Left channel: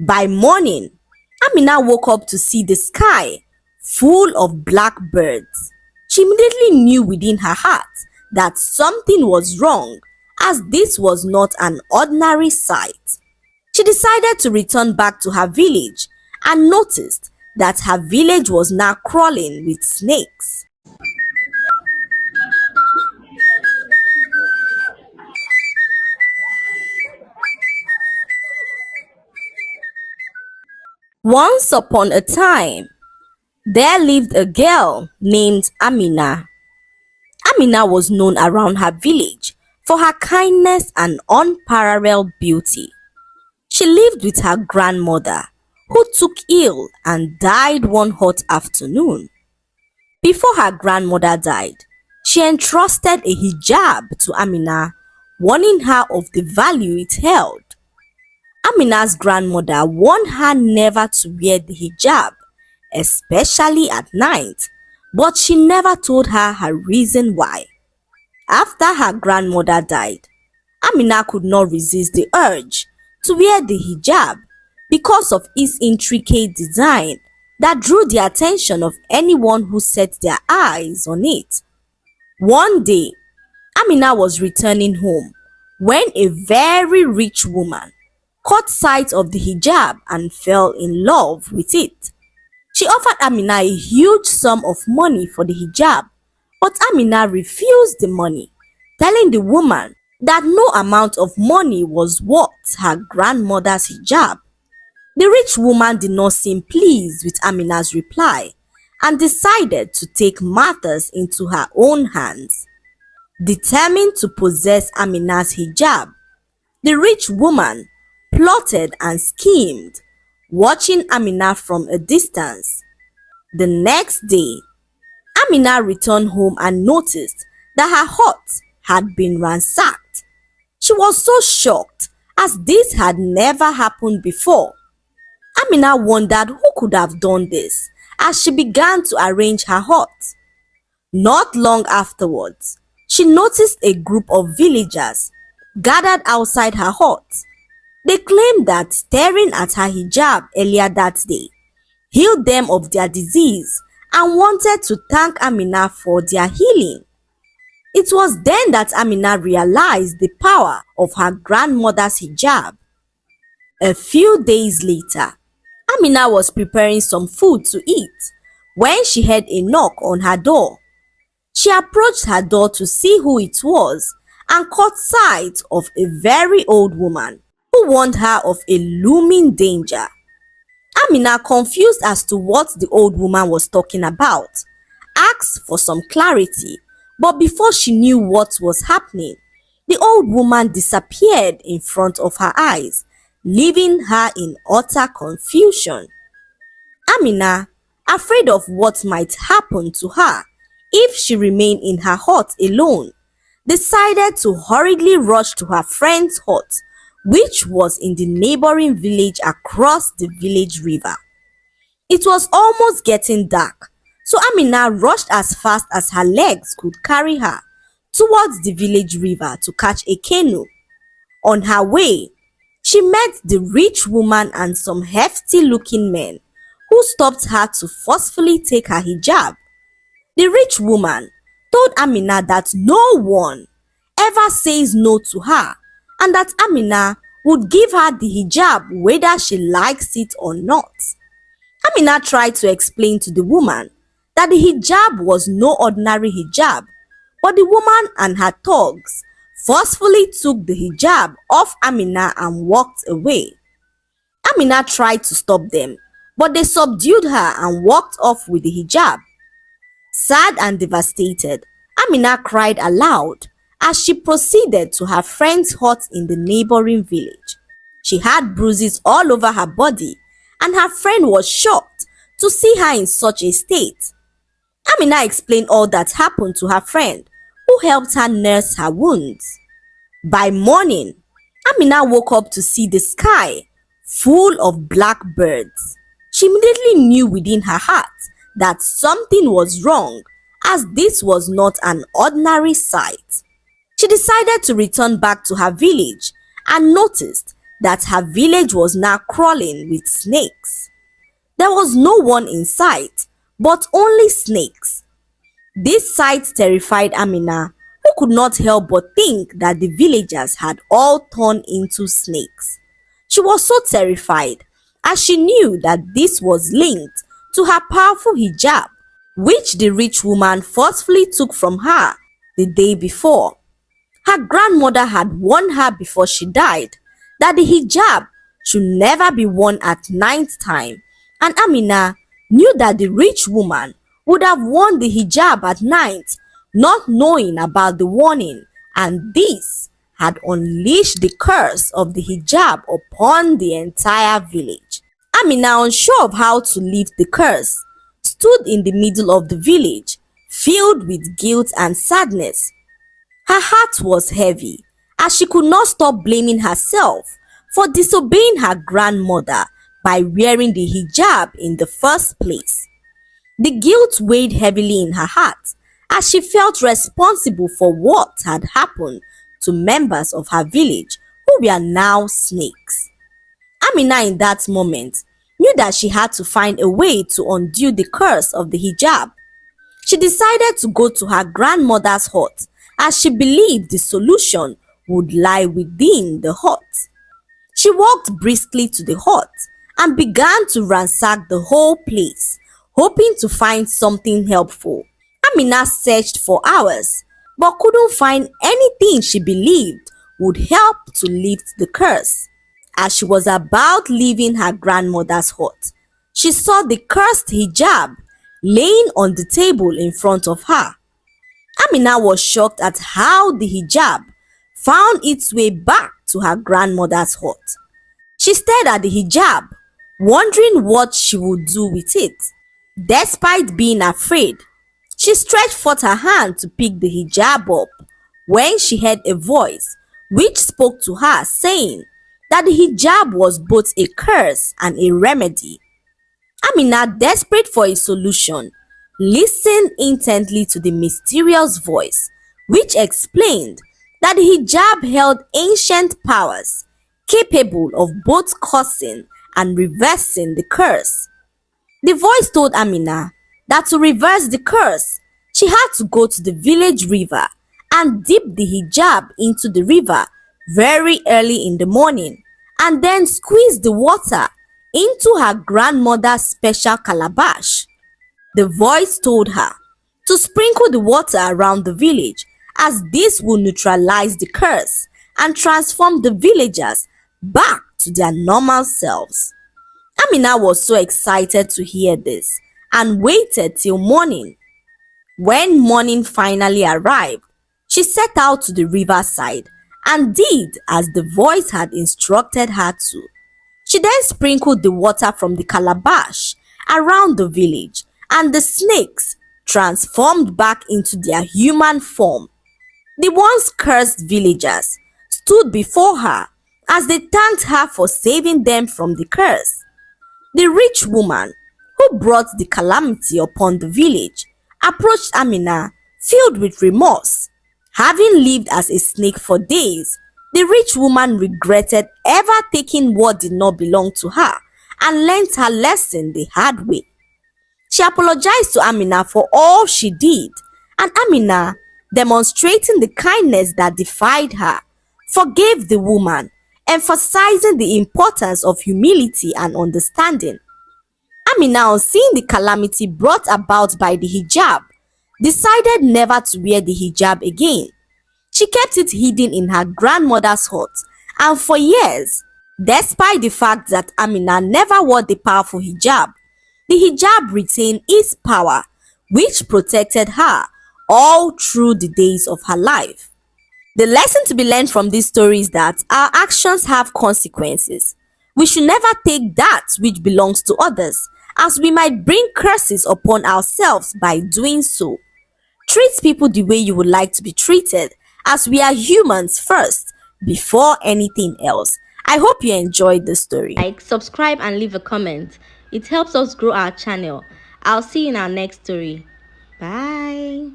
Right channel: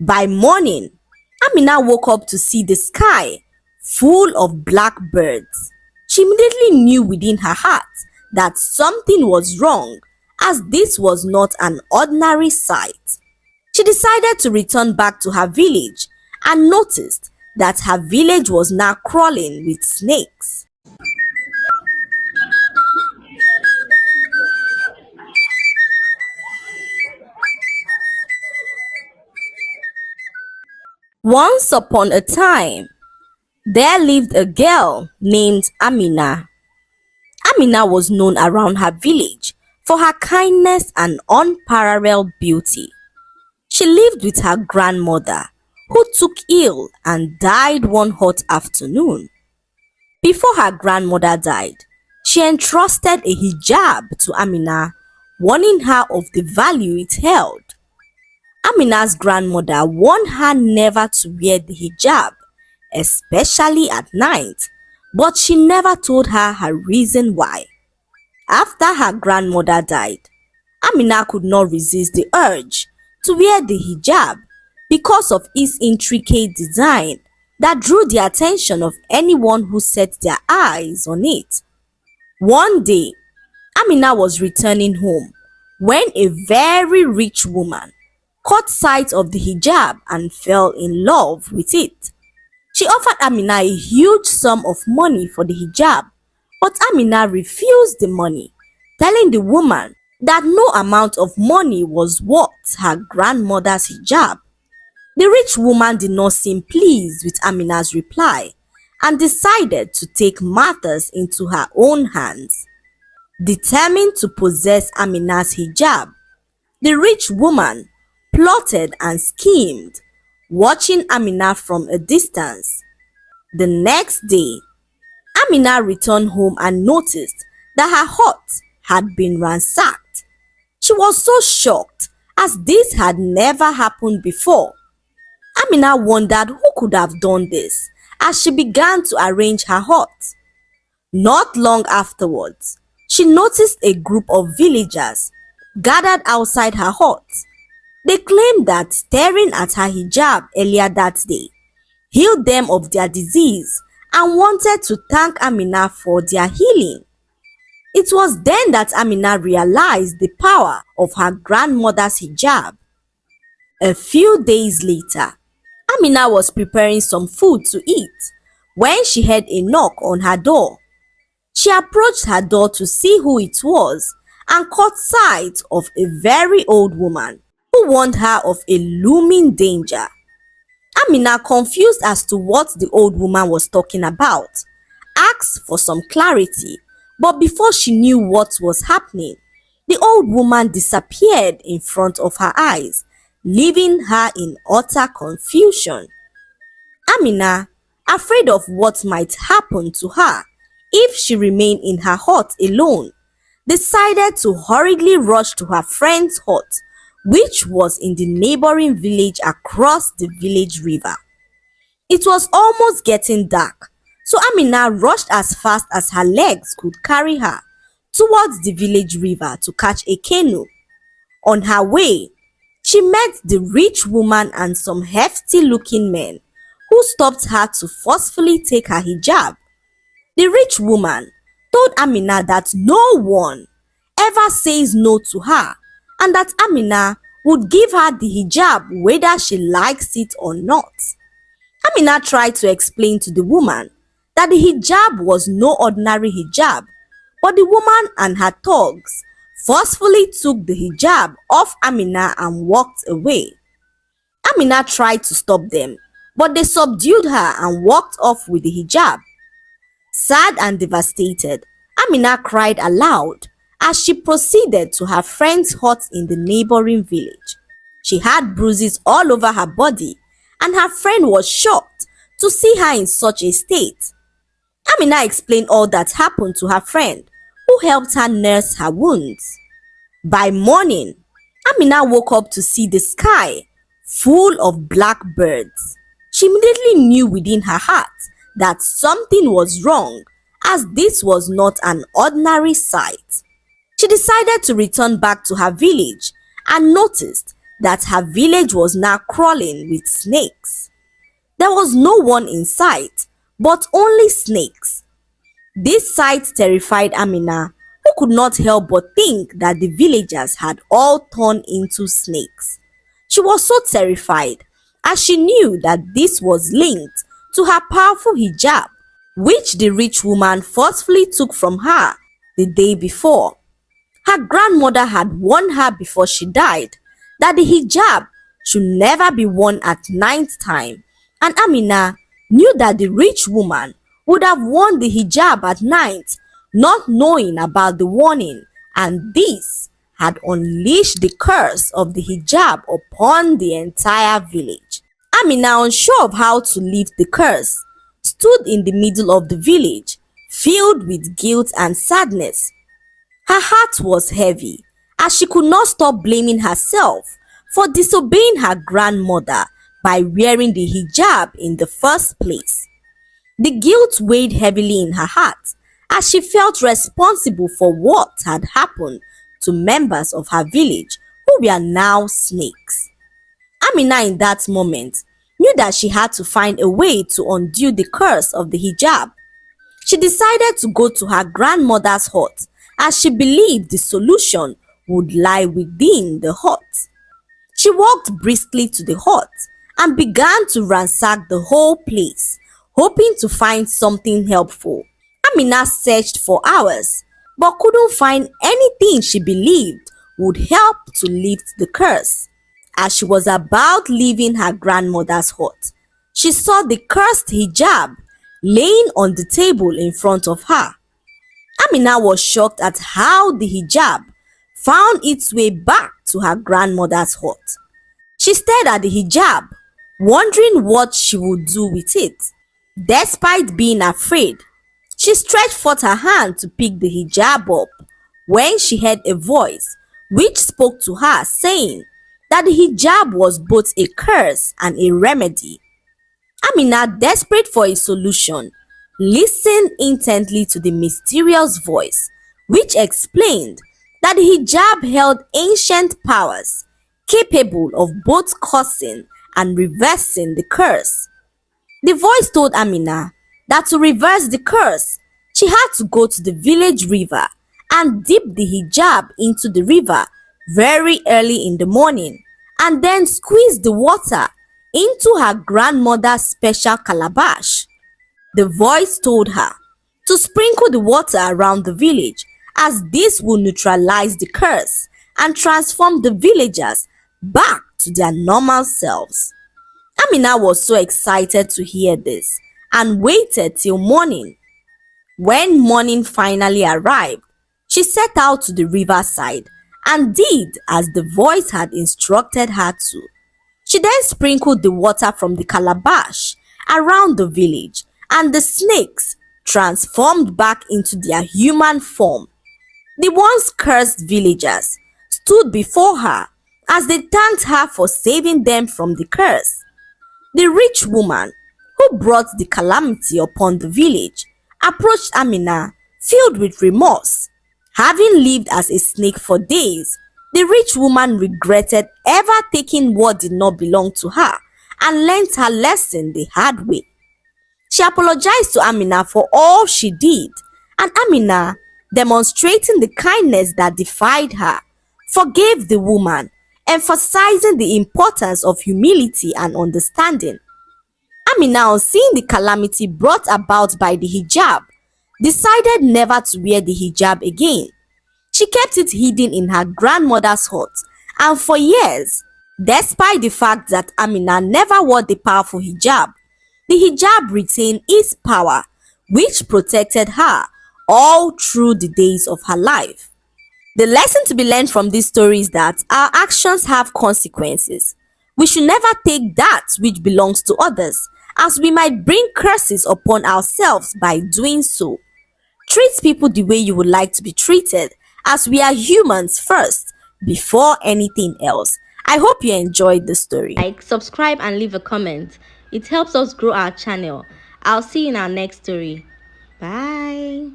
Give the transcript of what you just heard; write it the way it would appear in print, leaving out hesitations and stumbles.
By morning, Amina woke up to see the sky full of black birds. She immediately knew within her heart that something was wrong, as this was not an ordinary sight. She decided to return back to her village and noticed that her village was now crawling with snakes. Once upon a time, there lived a girl named Amina. Amina was known around her village for her kindness and unparalleled beauty. She lived with her grandmother, who took ill and died one hot afternoon. Before her grandmother died, she entrusted a hijab to Amina, warning her of the value it held. Amina's grandmother warned her never to wear the hijab, especially at night, but she never told her reason why. After her grandmother died, Amina could not resist the urge to wear the hijab because of its intricate design that drew the attention of anyone who set their eyes on it. One day, Amina was returning home when a very rich woman caught sight of the hijab and fell in love with it. She offered Amina a huge sum of money for the hijab, but Amina refused the money, telling the woman that no amount of money was worth her grandmother's hijab. The rich woman did not seem pleased with Amina's reply and decided to take matters into her own hands. Determined to possess Amina's hijab, the rich woman plotted and schemed, watching Amina from a distance. The next day, Amina returned home and noticed that her hut had been ransacked. She was so shocked, as this had never happened before. Amina wondered who could have done this as she began to arrange her hut. Not long afterwards, she noticed a group of villagers gathered outside her hut. They claimed that staring at her hijab earlier that day healed them of their disease and wanted to thank Amina for their healing. It was then that Amina realized the power of her grandmother's hijab. A few days later, Amina was preparing some food to eat when she heard a knock on her door. She approached her door to see who it was and caught sight of a very old woman who warned her of a looming danger. Amina, confused as to what the old woman was talking about, asked for some clarity, but before she knew what was happening, the old woman disappeared in front of her eyes, leaving her in utter confusion. Amina, afraid of what might happen to her if she remained in her hut alone, decided to hurriedly rush to her friend's hut, which was in the neighboring village across the village river. It was almost getting dark, so Amina rushed as fast as her legs could carry her towards the village river to catch a canoe. On her way, she met the rich woman and some hefty-looking men who stopped her to forcefully take her hijab. The rich woman told Amina that no one ever says no to her and that Amina would give her the hijab whether she likes it or not. Amina tried to explain to the woman that the hijab was no ordinary hijab, but the woman and her thugs forcefully took the hijab off Amina and walked away. Amina tried to stop them, but they subdued her and walked off with the hijab. Sad and devastated, Amina cried aloud as she proceeded to her friend's hut in the neighboring village. She had bruises all over her body, and her friend was shocked to see her in such a state. Amina explained all that happened to her friend, who helped her nurse her wounds. By morning, Amina woke up to see the sky full of black birds. She immediately knew within her heart that something was wrong, as this was not an ordinary sight. She decided to return back to her village and noticed that her village was now crawling with snakes. There was no one in sight, but only snakes. This sight terrified Amina, who could not help but think that the villagers had all turned into snakes. She was so terrified as she knew that this was linked to her powerful hijab, which the rich woman forcefully took from her the day before. Her grandmother had warned her before she died that the hijab should never be worn at night time, and Amina knew that the rich woman would have worn the hijab at night, not knowing about the warning, and this had unleashed the curse of the hijab upon the entire village. Amina, unsure of how to lift the curse, stood in the middle of the village, filled with guilt and sadness. Her heart was heavy, as she could not stop blaming herself for disobeying her grandmother by wearing the hijab in the first place. The guilt weighed heavily in her heart as she felt responsible for what had happened to members of her village who were now snakes. Amina, in that moment, knew that she had to find a way to undo the curse of the hijab. She decided to go to her grandmother's hut as she believed the solution would lie within the hut. She walked briskly to the hut and began to ransack the whole place, hoping to find something helpful. Amina searched for hours but couldn't find anything she believed would help to lift the curse. As she was about leaving her grandmother's hut, she saw the cursed hijab laying on the table in front of her. Amina was shocked at how the hijab found its way back to her grandmother's hut. She stared at the hijab, wondering what she would do with it. Despite being afraid, she stretched forth her hand to pick the hijab up when she heard a voice which spoke to her, saying that the hijab was both a curse and a remedy. Amina, desperate for a solution, listened intently to the mysterious voice, which explained that the hijab held ancient powers capable of both causing and reversing the curse. The voice told Amina that to reverse the curse, she had to go to the village river and dip the hijab into the river very early in the morning, and then squeeze the water into her grandmother's special calabash. The voice told her to sprinkle the water around the village, as this would neutralize the curse and transform the villagers back to their normal selves. Amina was so excited to hear this and waited till morning. When morning finally arrived, she set out to the riverside and did as the voice had instructed her to. She then sprinkled the water from the calabash around the village, and the snakes transformed back into their human form. The once cursed villagers stood before her as they thanked her for saving them from the curse. The rich woman who brought the calamity upon the village approached Amina filled with remorse. Having lived as a snake for days, the rich woman regretted ever taking what did not belong to her and learnt her lesson the hard way. She apologized to Amina for all she did, and Amina, demonstrating the kindness that defied her, forgave the woman, emphasizing the importance of humility and understanding. Amina, on seeing the calamity brought about by the hijab, decided never to wear the hijab again. She kept it hidden in her grandmother's hut, and for years, despite the fact that Amina never wore the powerful hijab, the hijab retained its power, which protected her all through the days of her life. The lesson to be learned from this story is that our actions have consequences. We should never take that which belongs to others, as we might bring curses upon ourselves by doing so. Treat people the way you would like to be treated, as we are humans first, before anything else. I hope you enjoyed the story. Like, subscribe, and leave a comment. It helps us grow our channel. I'll see you in our next story. Bye.